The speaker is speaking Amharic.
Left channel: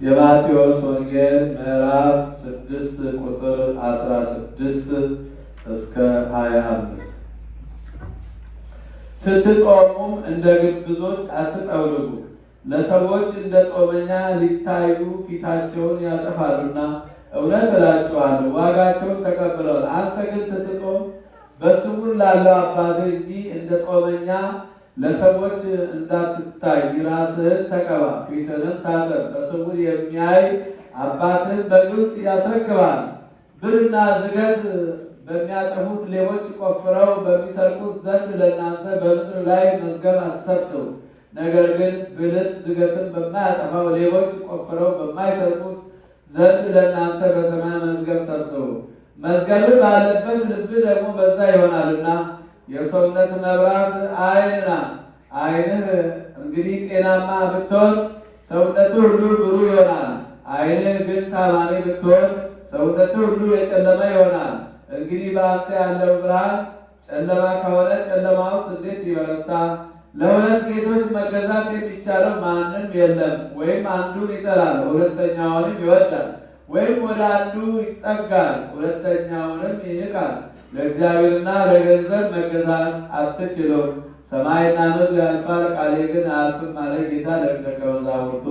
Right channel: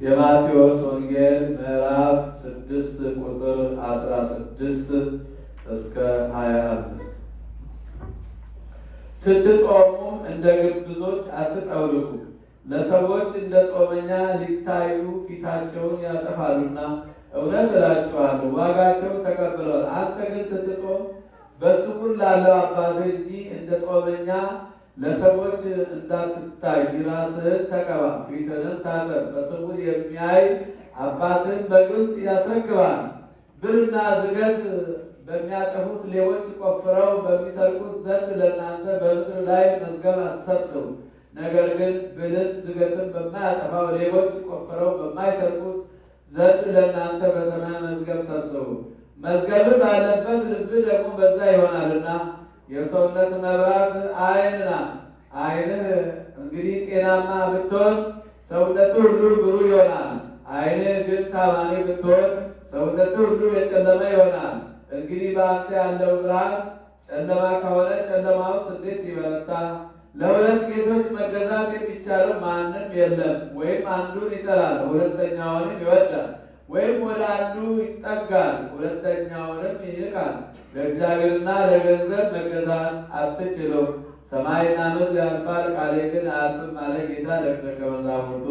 የማቴዎስ ወንጌል ምዕራፍ 6 ቁጥር 16 እስከ 25። ስትጦሙም እንደ ግብዞች አትጠውልጉ፣ ለሰዎች እንደ ጦመኛ ሊታዩ ፊታቸውን ያጠፋሉና፣ እውነት እላችኋለሁ ዋጋቸውን ተቀብለዋል። አንተ ግን ስትጦም በስውር ላለው አባትህ እንጂ እንደ ጦመኛ ለሰዎች እንዳትታይ ራስህን ተቀባ፣ ፊትህንም ታጠብ። በስውር የሚያይ አባትህን በግልጥ ያስረክባል። ብርና ዝገት በሚያጠፉት ሌቦች ቆፍረው በሚሰርቁት ዘንድ ለእናንተ በምድር ላይ መዝገብ አትሰብስቡ። ነገር ግን ብልን ዝገትን በማያጠፋው ሌቦች ቆፍረው በማይሰርቁት ዘንድ ለእናንተ በሰማይ መዝገብ ሰብስቡ። መዝገብ ባለበት ልብ ደግሞ በዛ ይሆናልና። የሰውነት መብራት ዓይን ናት። ዓይንህ እንግዲህ ጤናማ ብትሆን ሰውነቱ ሁሉ ብሩህ ይሆናል። ዓይንህ ግን ታማሚ ብትሆን ሰውነቱ ሁሉ የጨለማ ይሆናል። እንግዲህ በአንተ ያለው ብርሃን ጨለማ ከሆነ ጨለማውስ እንዴት ይበረታ? ለሁለት ጌቶች መገዛት የሚቻለው ማንም የለም። ወይም አንዱን ይጠላል ሁለተኛውንም ይወዳል፣ ወይም ወደ አንዱ ይጠጋል ሁለተኛውንም ይንቃል። ለእግዚአብሔርና ለገንዘብ መገዛት አትችሉም። ሰማይና ምድር ያልፋል፣ ቃሌ ግን አያልፍም አለ ጌታ ለደቀ መዛሙርቱ።